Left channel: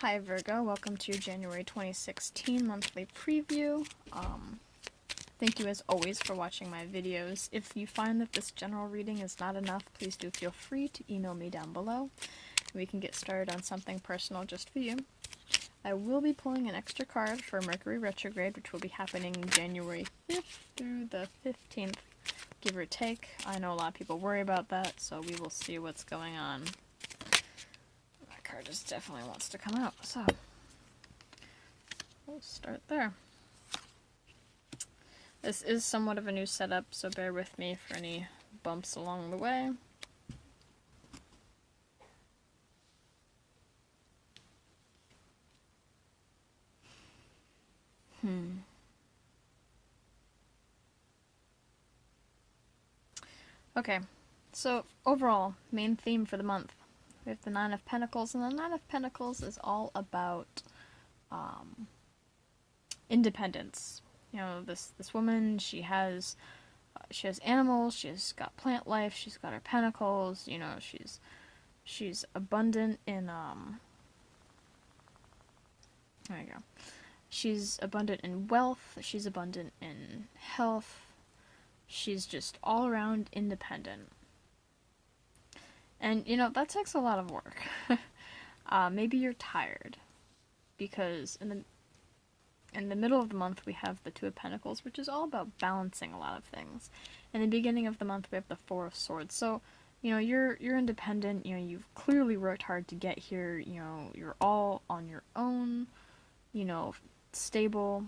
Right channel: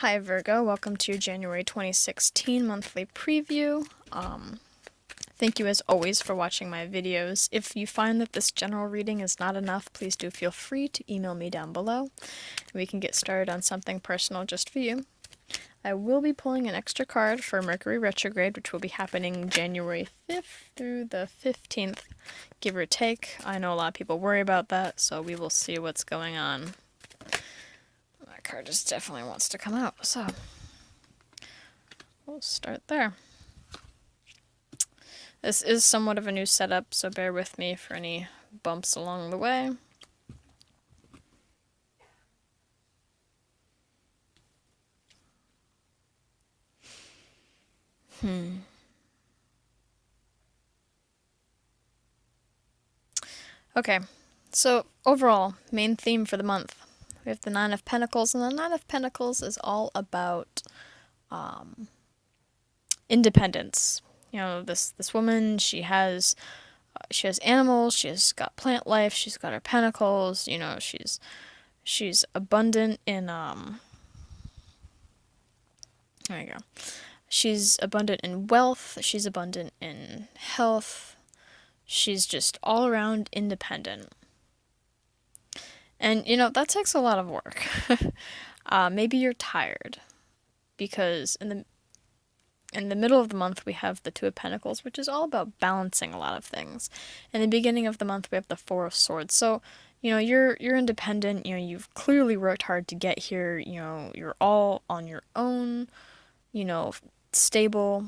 Hi Virgo, welcome to your January 2016 monthly preview. Thank you as always for watching my videos. If you find that this general reading is not enough, please do feel free to email me down below. We can get started on something personal just for you. I will be pulling an extra card for Mercury Retrograde, which will be happening January 5th through the 15th, give or take. I know a lot of people worry about that, so we will see what's going on. That card just definitely wants to come out, so we'll start there. This is somewhat of a new setup, so bear with me for any bumps along the way. Okay, so overall, main theme for the month. We have the Nine of Pentacles, and the Nine of Pentacles is all about independence. You know, this woman, she has animals, she's got plant life, she's got her pentacles, you know, she's abundant in there you go. She's abundant in wealth, she's abundant in health. She's just all around independent. And you know, that takes a lot of work. Maybe you're tired because in the middle of the month we have the Two of Pentacles, which is all about balancing a lot of things. In the beginning of the month we have the Four of Swords. So, you know, you're independent, you know, you've clearly worked hard to get here, you know, you're all on your own, you know, stable.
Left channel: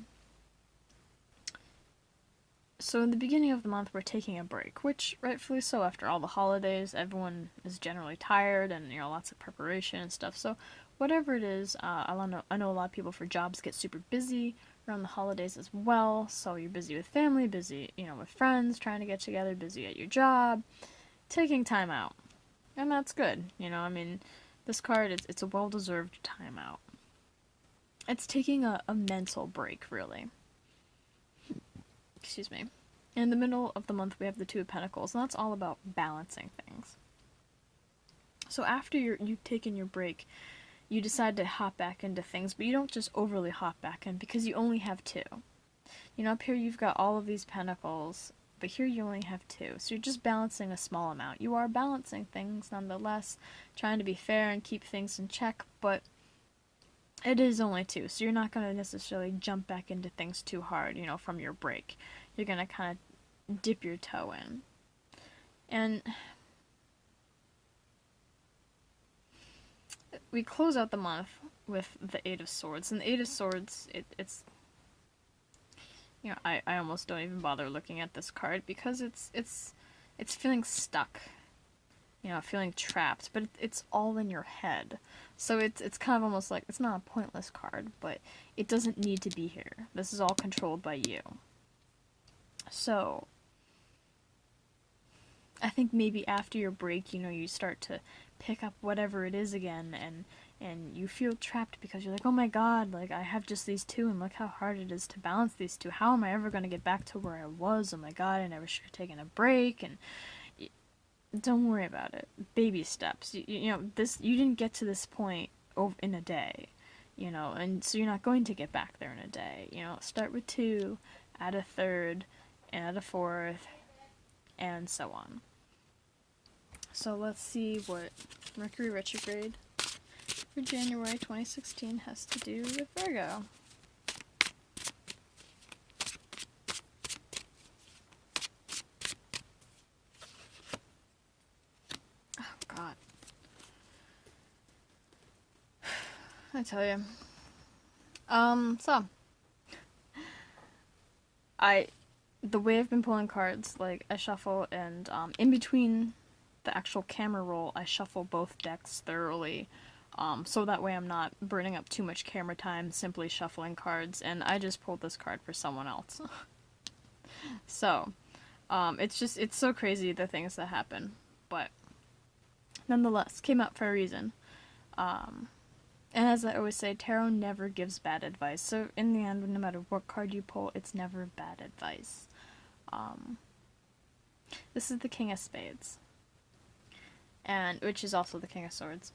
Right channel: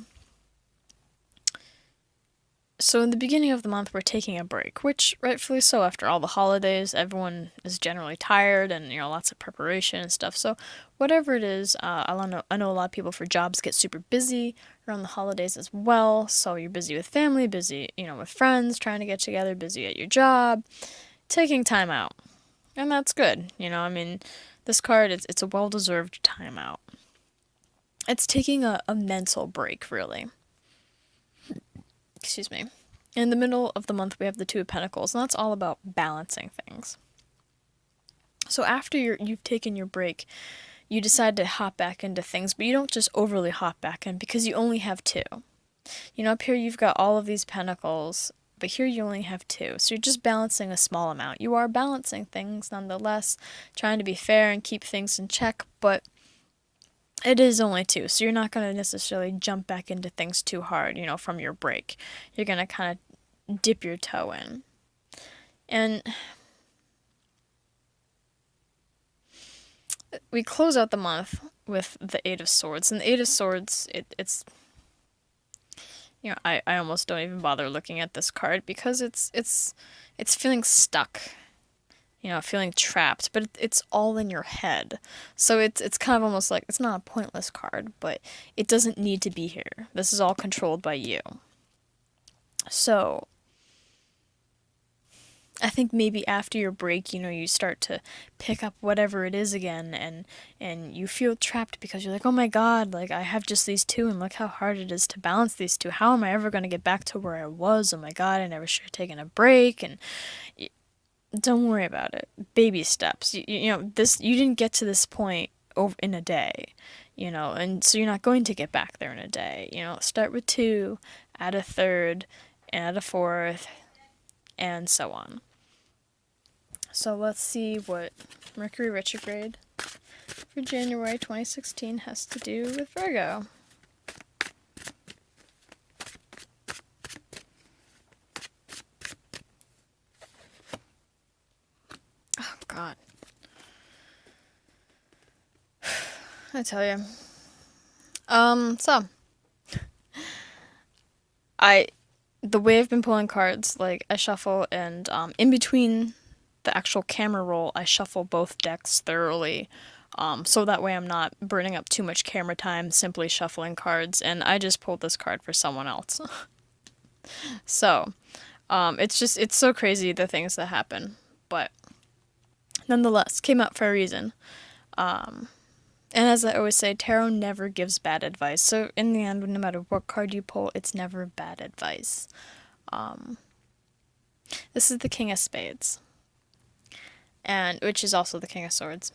So in the beginning of the month we're taking a break, which rightfully so. After all the holidays, everyone is generally tired and, you know, lots of preparation and stuff. So whatever it is, I know a lot of people for jobs get super busy around the holidays as well. So you're busy with family, busy, you know, with friends, trying to get together, busy at your job, taking time out. And that's good. You know, I mean, this card, it's a well-deserved time out. It's taking a mental break, really. Excuse me. In the middle of the month, we have the Two of Pentacles, and that's all about balancing things. So after you've taken your break, you decide to hop back into things, but you don't just overly hop back in because you only have two. You know, up here you've got all of these pentacles, but here you only have two. So you're just balancing a small amount. You are balancing things nonetheless, trying to be fair and keep things in check, but it is only two, so you're not going to necessarily jump back into things too hard, you know, from your break. You're going to kind of dip your toe in. And we close out the month with the Eight of Swords. And the Eight of Swords, it's you know, I almost don't even bother looking at this card because it's feeling stuck. You know, feeling trapped, but it's all in your head. So it's kind of almost like, it's not a pointless card, but it doesn't need to be here. This is all controlled by you. So I think maybe after your break, you know, you start to pick up whatever it is again, and you feel trapped because you're like, oh my god, like, I have just these two, and look how hard it is to balance these two. How am I ever going to get back to where I was? Oh my god, I never should have taken a break. And don't worry about it. Baby steps. You know, you didn't get to this point in a day, you know, and so you're not going to get back there in a day. You know, start with two, add a third, add a fourth, and so on. So let's see what Mercury Retrograde for January 2016 has to do with Virgo. God. I tell you. So the way I've been pulling cards, like, I shuffle, and in between the actual camera roll, I shuffle both decks thoroughly, so that way I'm not burning up too much camera time simply shuffling cards, and I just pulled this card for someone else. So, it's so crazy the things that happen, but nonetheless, came up for a reason. And as I always say, tarot never gives bad advice. So in the end, no matter what card you pull, it's never bad advice. This is the King of Spades, and which is also the King of Swords.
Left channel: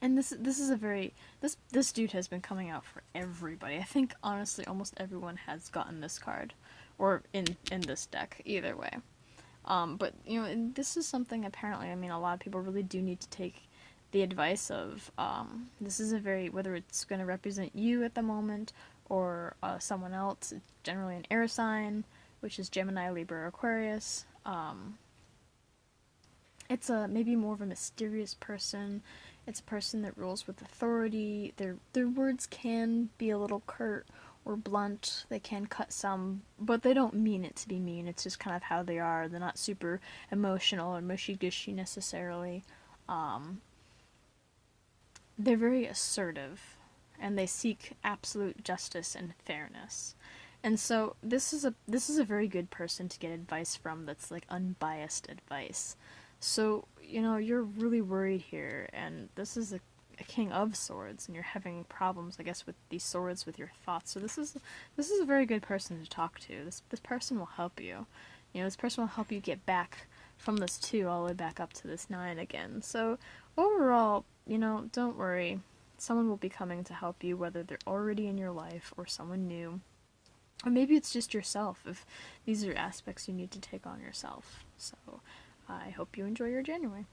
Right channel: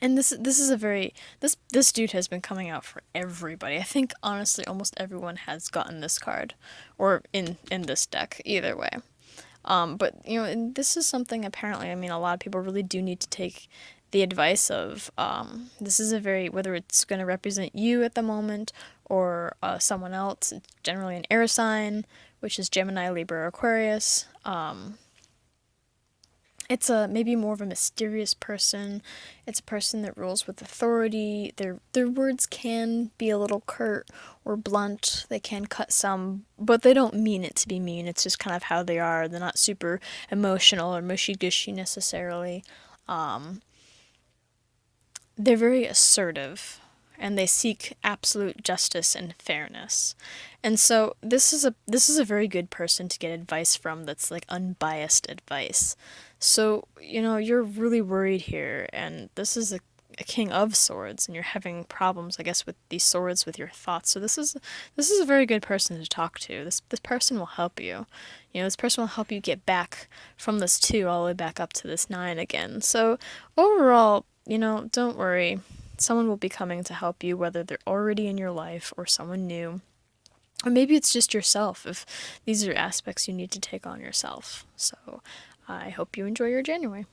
And this is a very this dude has been coming out for everybody. I think honestly almost everyone has gotten this card, or in this deck either way. But you know, and this is something apparently. I mean, a lot of people really do need to take the advice of. This is a very, whether it's going to represent you at the moment or someone else. It's generally an air sign, which is Gemini, Libra, Aquarius. It's a maybe more of a mysterious person. It's a person that rules with authority. Their words can be a little curt or blunt. They can cut some, but they don't mean it to be mean. It's just kind of how they are. They're not super emotional or mushy gushy necessarily. Um, they're very assertive, and they seek absolute justice and fairness. And so this is a very good person to get advice from that's like unbiased advice. So, you know, you're really worried here, and this is a king of swords, and you're having problems, I guess, with these swords with your thoughts. So this is a very good person to talk to. This person will help you. You know, this person will help you get back from this 2 all the way back up to this 9 again. So overall, you know, don't worry. Someone will be coming to help you, whether they're already in your life or someone new. Or maybe it's just yourself, if these are aspects you need to take on yourself. So I hope you enjoy your January.